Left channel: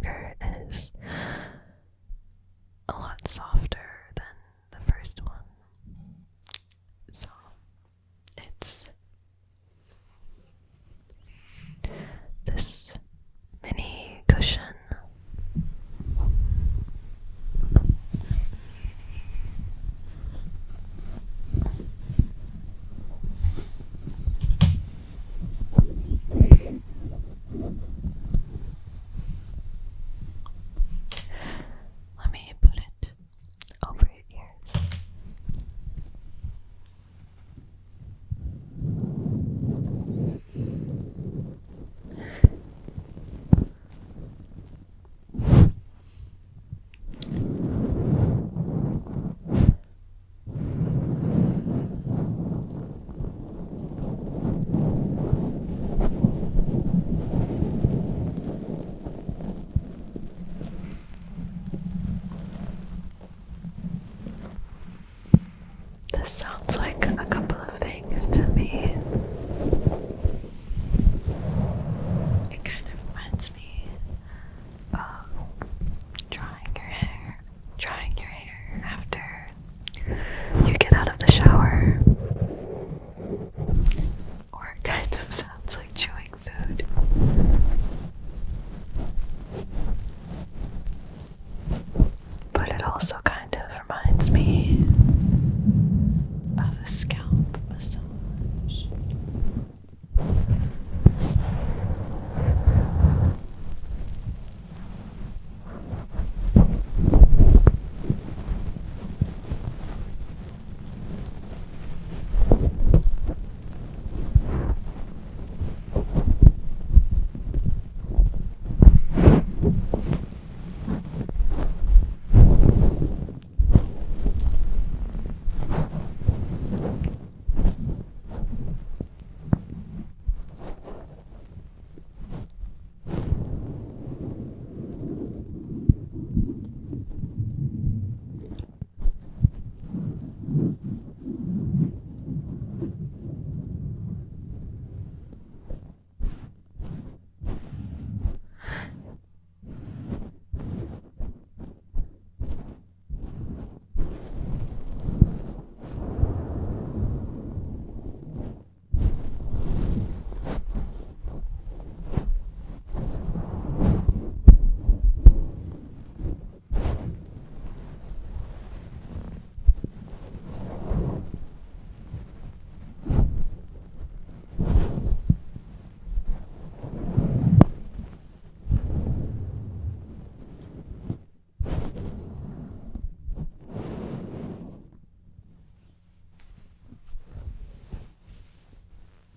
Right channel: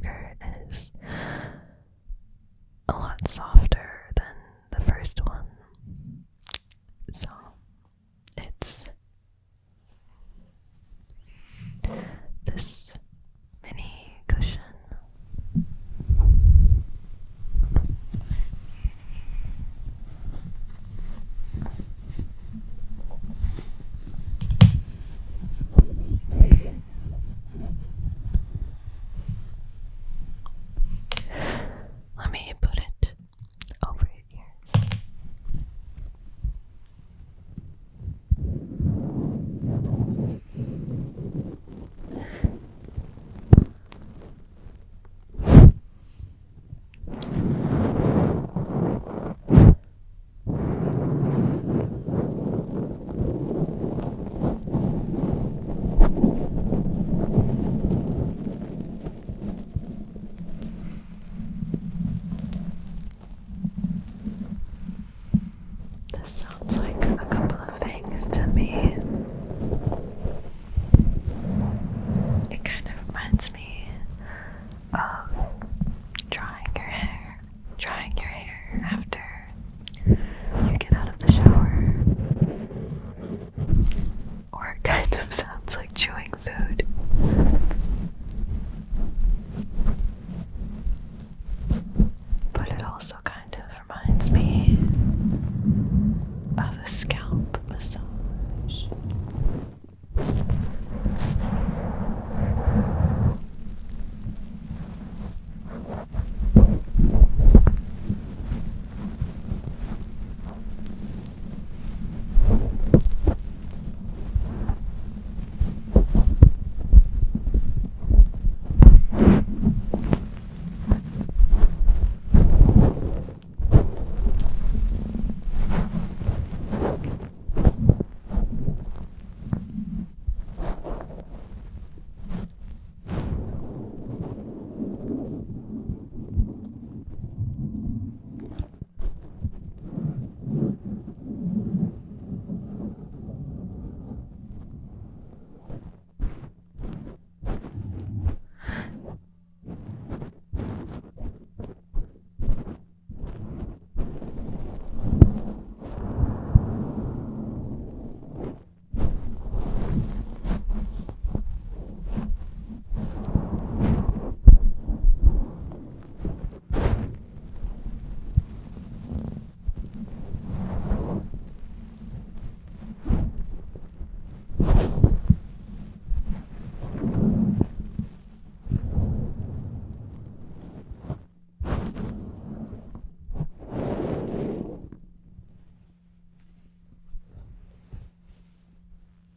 trigger is a lot softer than the first one. So it's this mini cushion. Let me put it over your ears. This sounds like a couple of things to me. It kind of reminds me of drying your hair after you get out of the shower. Or it kind of sounds like chewing food. But it also kind of reminds me of a scalp massage.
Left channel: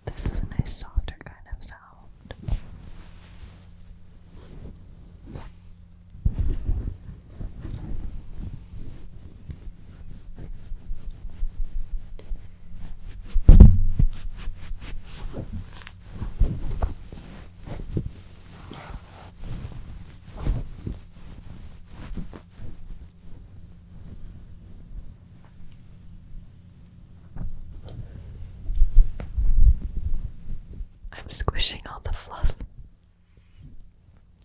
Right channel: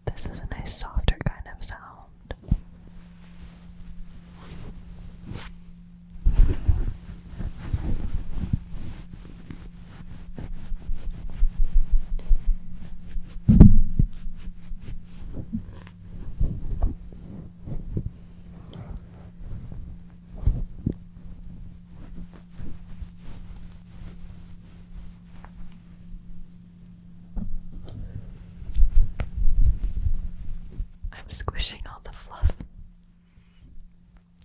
This is a nice softer kind of sound. I'm squishing all the fluff.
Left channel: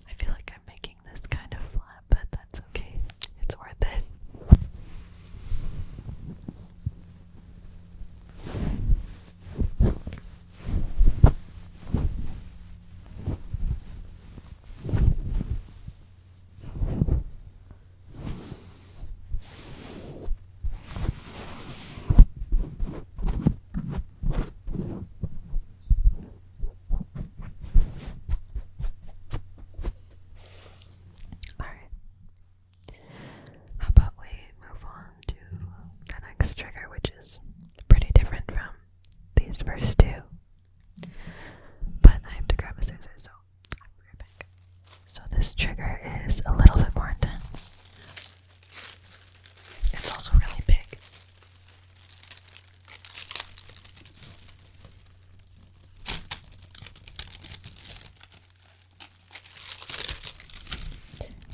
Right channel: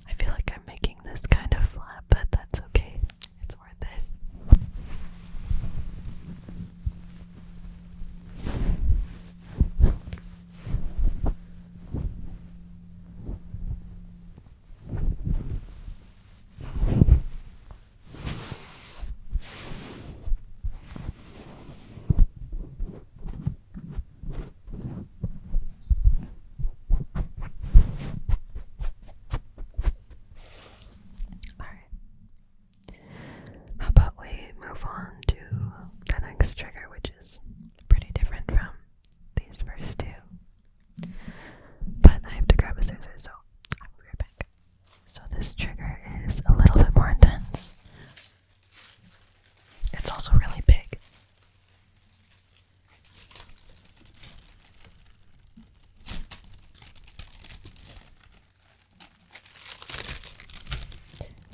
I feel like I'm making this kind of flat, but that's okay. It's worth it. How about we move on to the next trigger, which is pretty different from these first two. But I have to grab a scissors, so I'll be right back. So this trigger is a little bit more intense. It's also really big.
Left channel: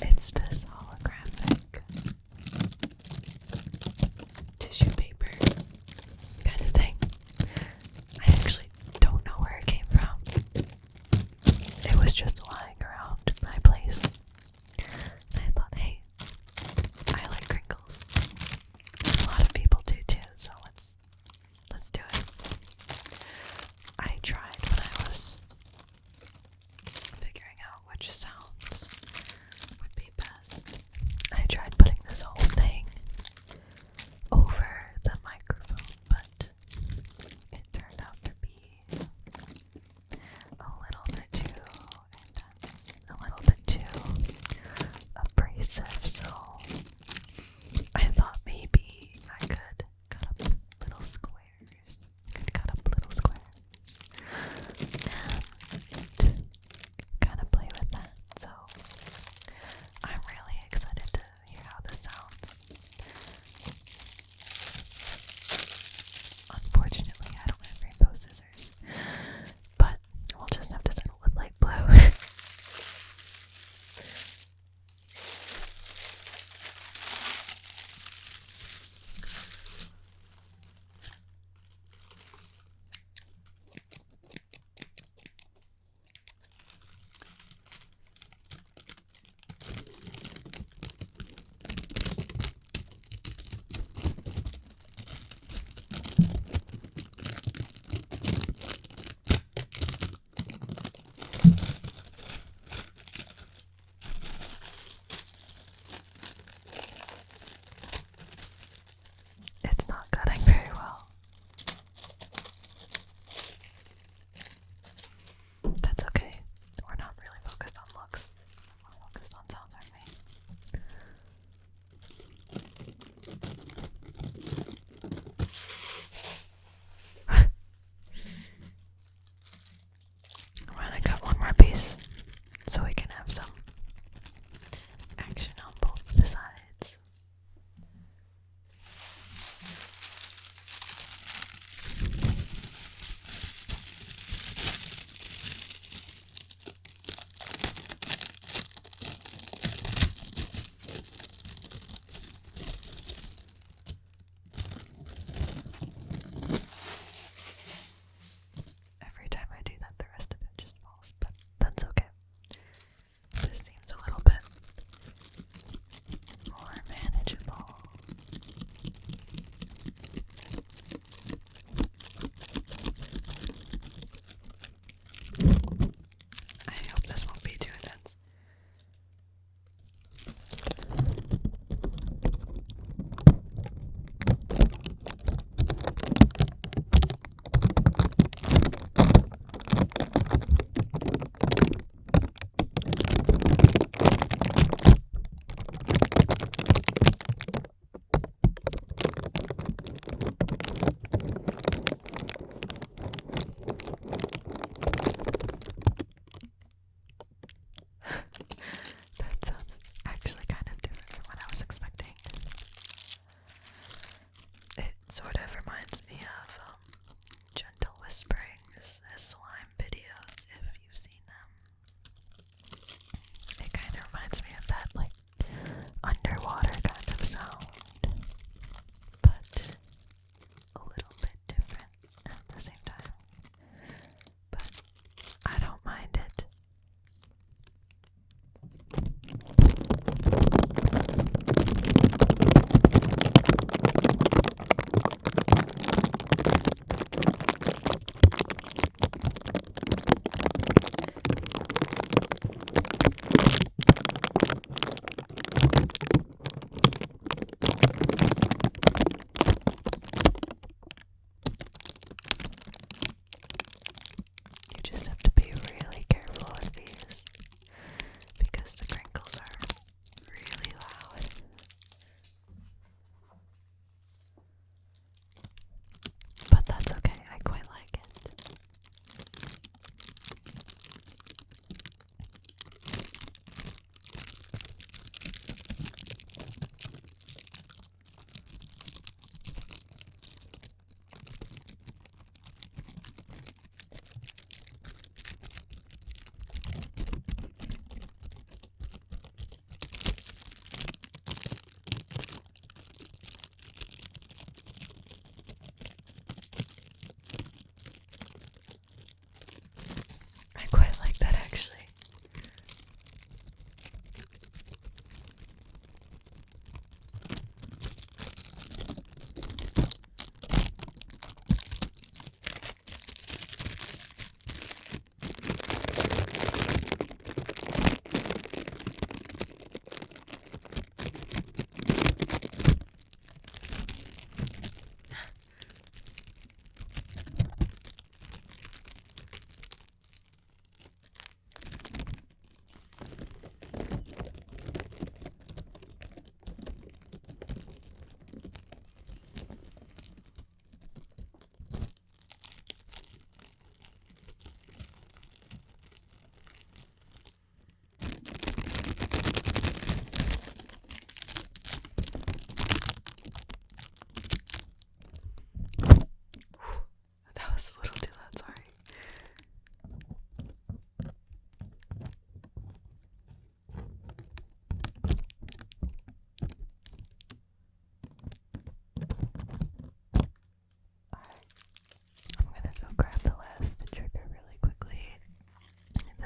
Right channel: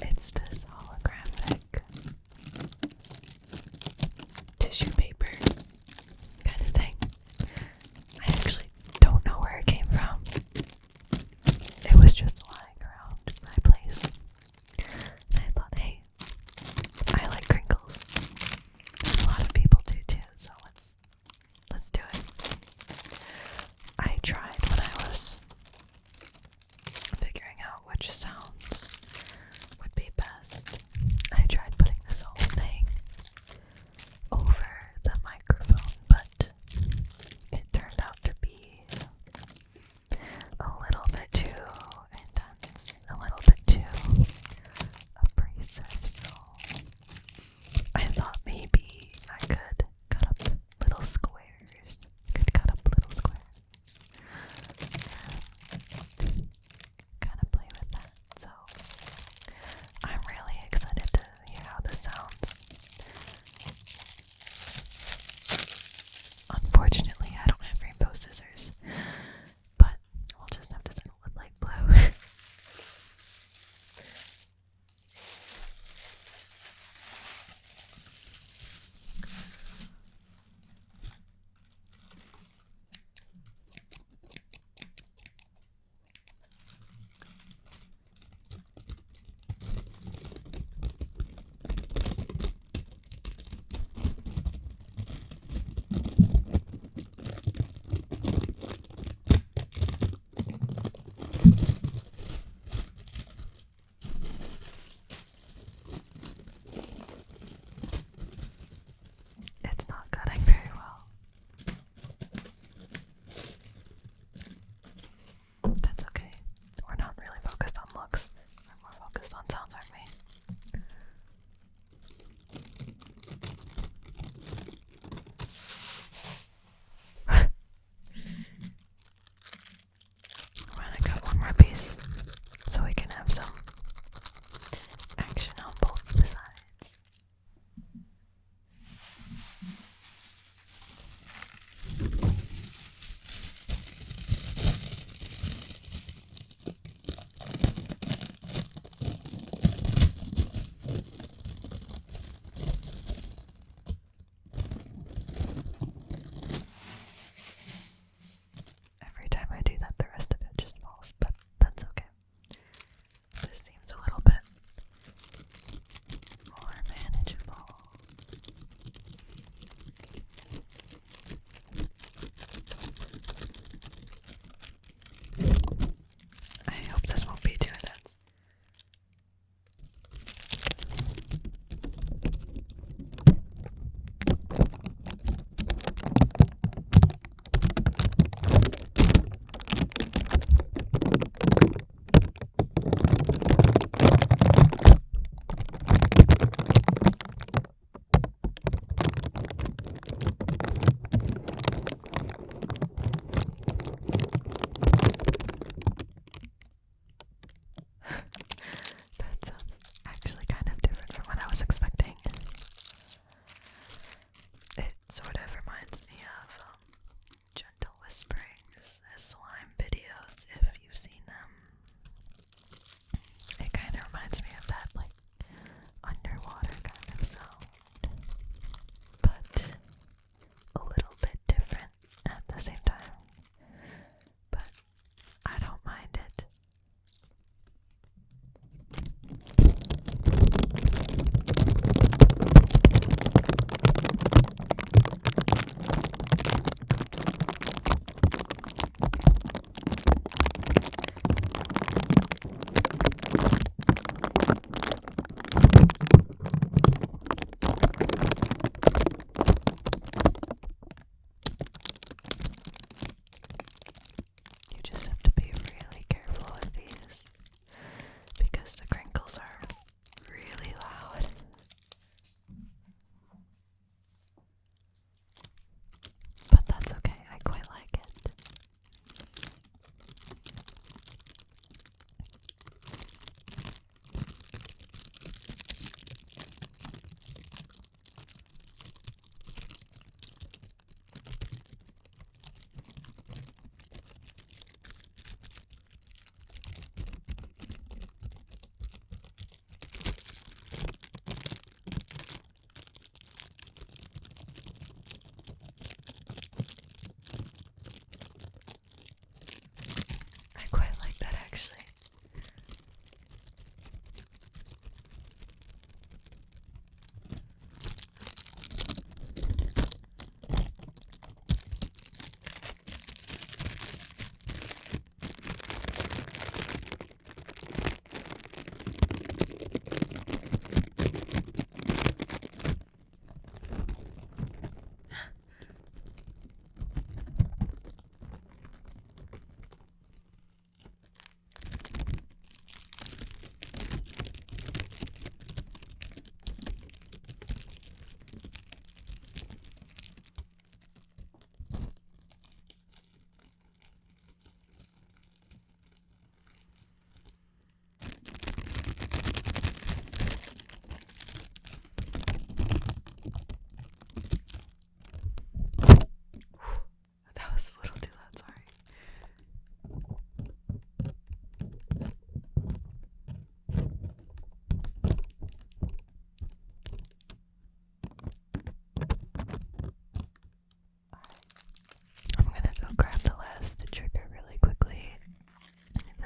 It's this holographic tissue paper kind of thing. I actually don't know where it came from. It was just lying around my place.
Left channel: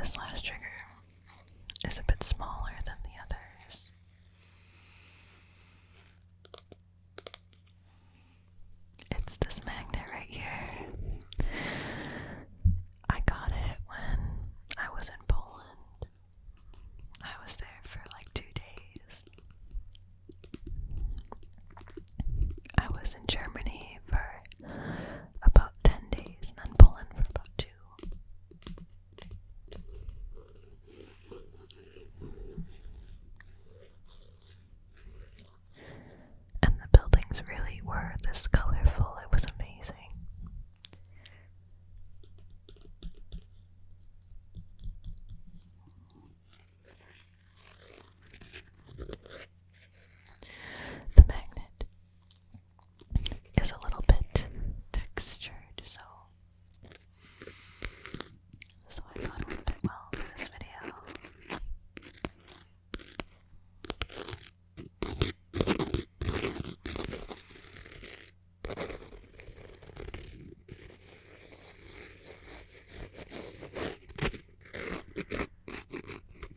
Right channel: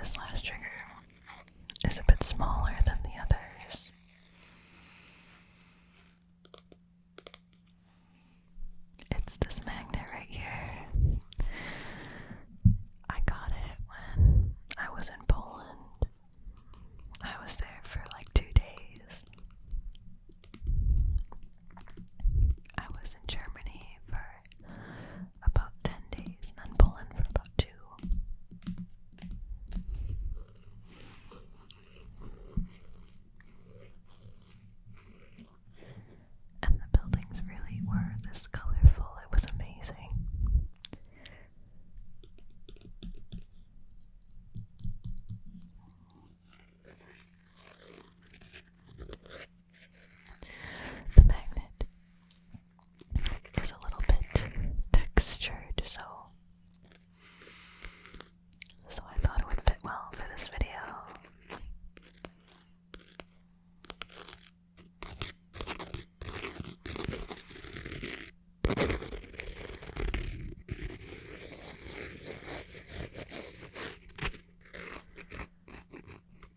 this last trigger is a bit smaller than the others. It's this magnet right here. I got it when I was in Poland. I was there for like 2 days. I was in Germany for about 10 days, and then Poland for about 2. And the buildings really were this colorful. It was amazing. The magnet is a little bit textured, so I thought it would fit well for this video.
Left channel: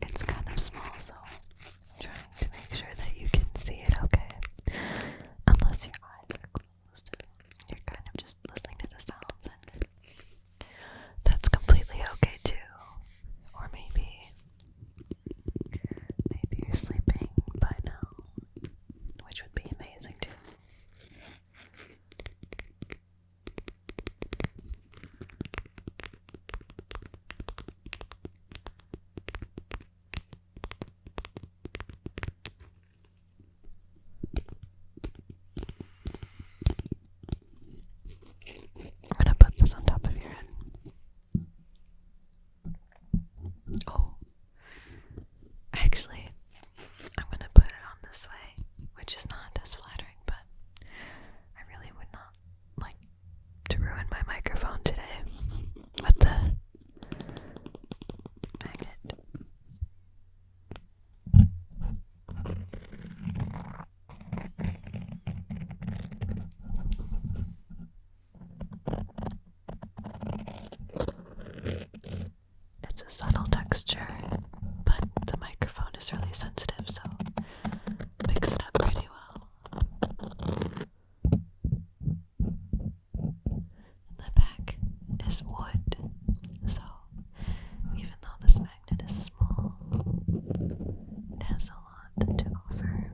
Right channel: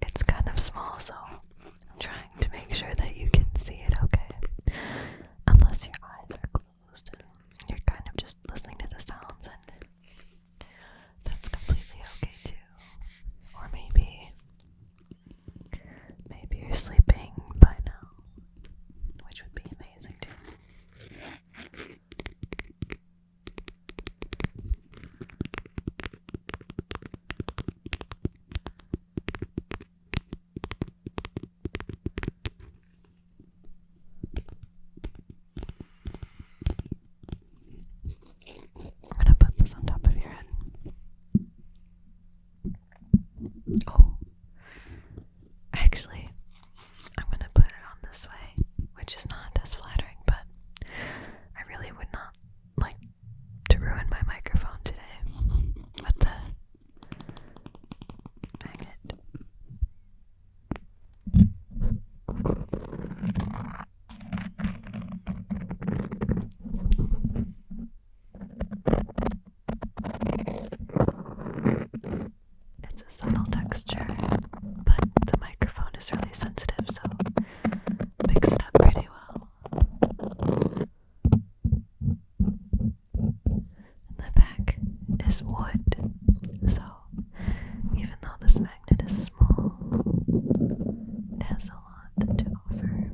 It's kind of small, so I'm trying to make sure that you can see it okay. Unless your eyes are closed and you're kind of just listening to the sounds, and that's completely okay too. Or maybe you're sleeping by now, which would be amazing too. I'm gonna put this on top of your head. Oh, actually, I'm gonna put it on this way, which is not as flattering, but I really would not like to ruin my microphone today with the magnet. It's a subtle texture, but the microphone is really sensitive, so it picks it up pretty well. And the back is wood, so even though this magnet is small, it has a lot to offer.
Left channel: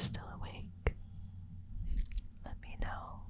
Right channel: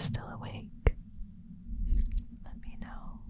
still awake, let me know.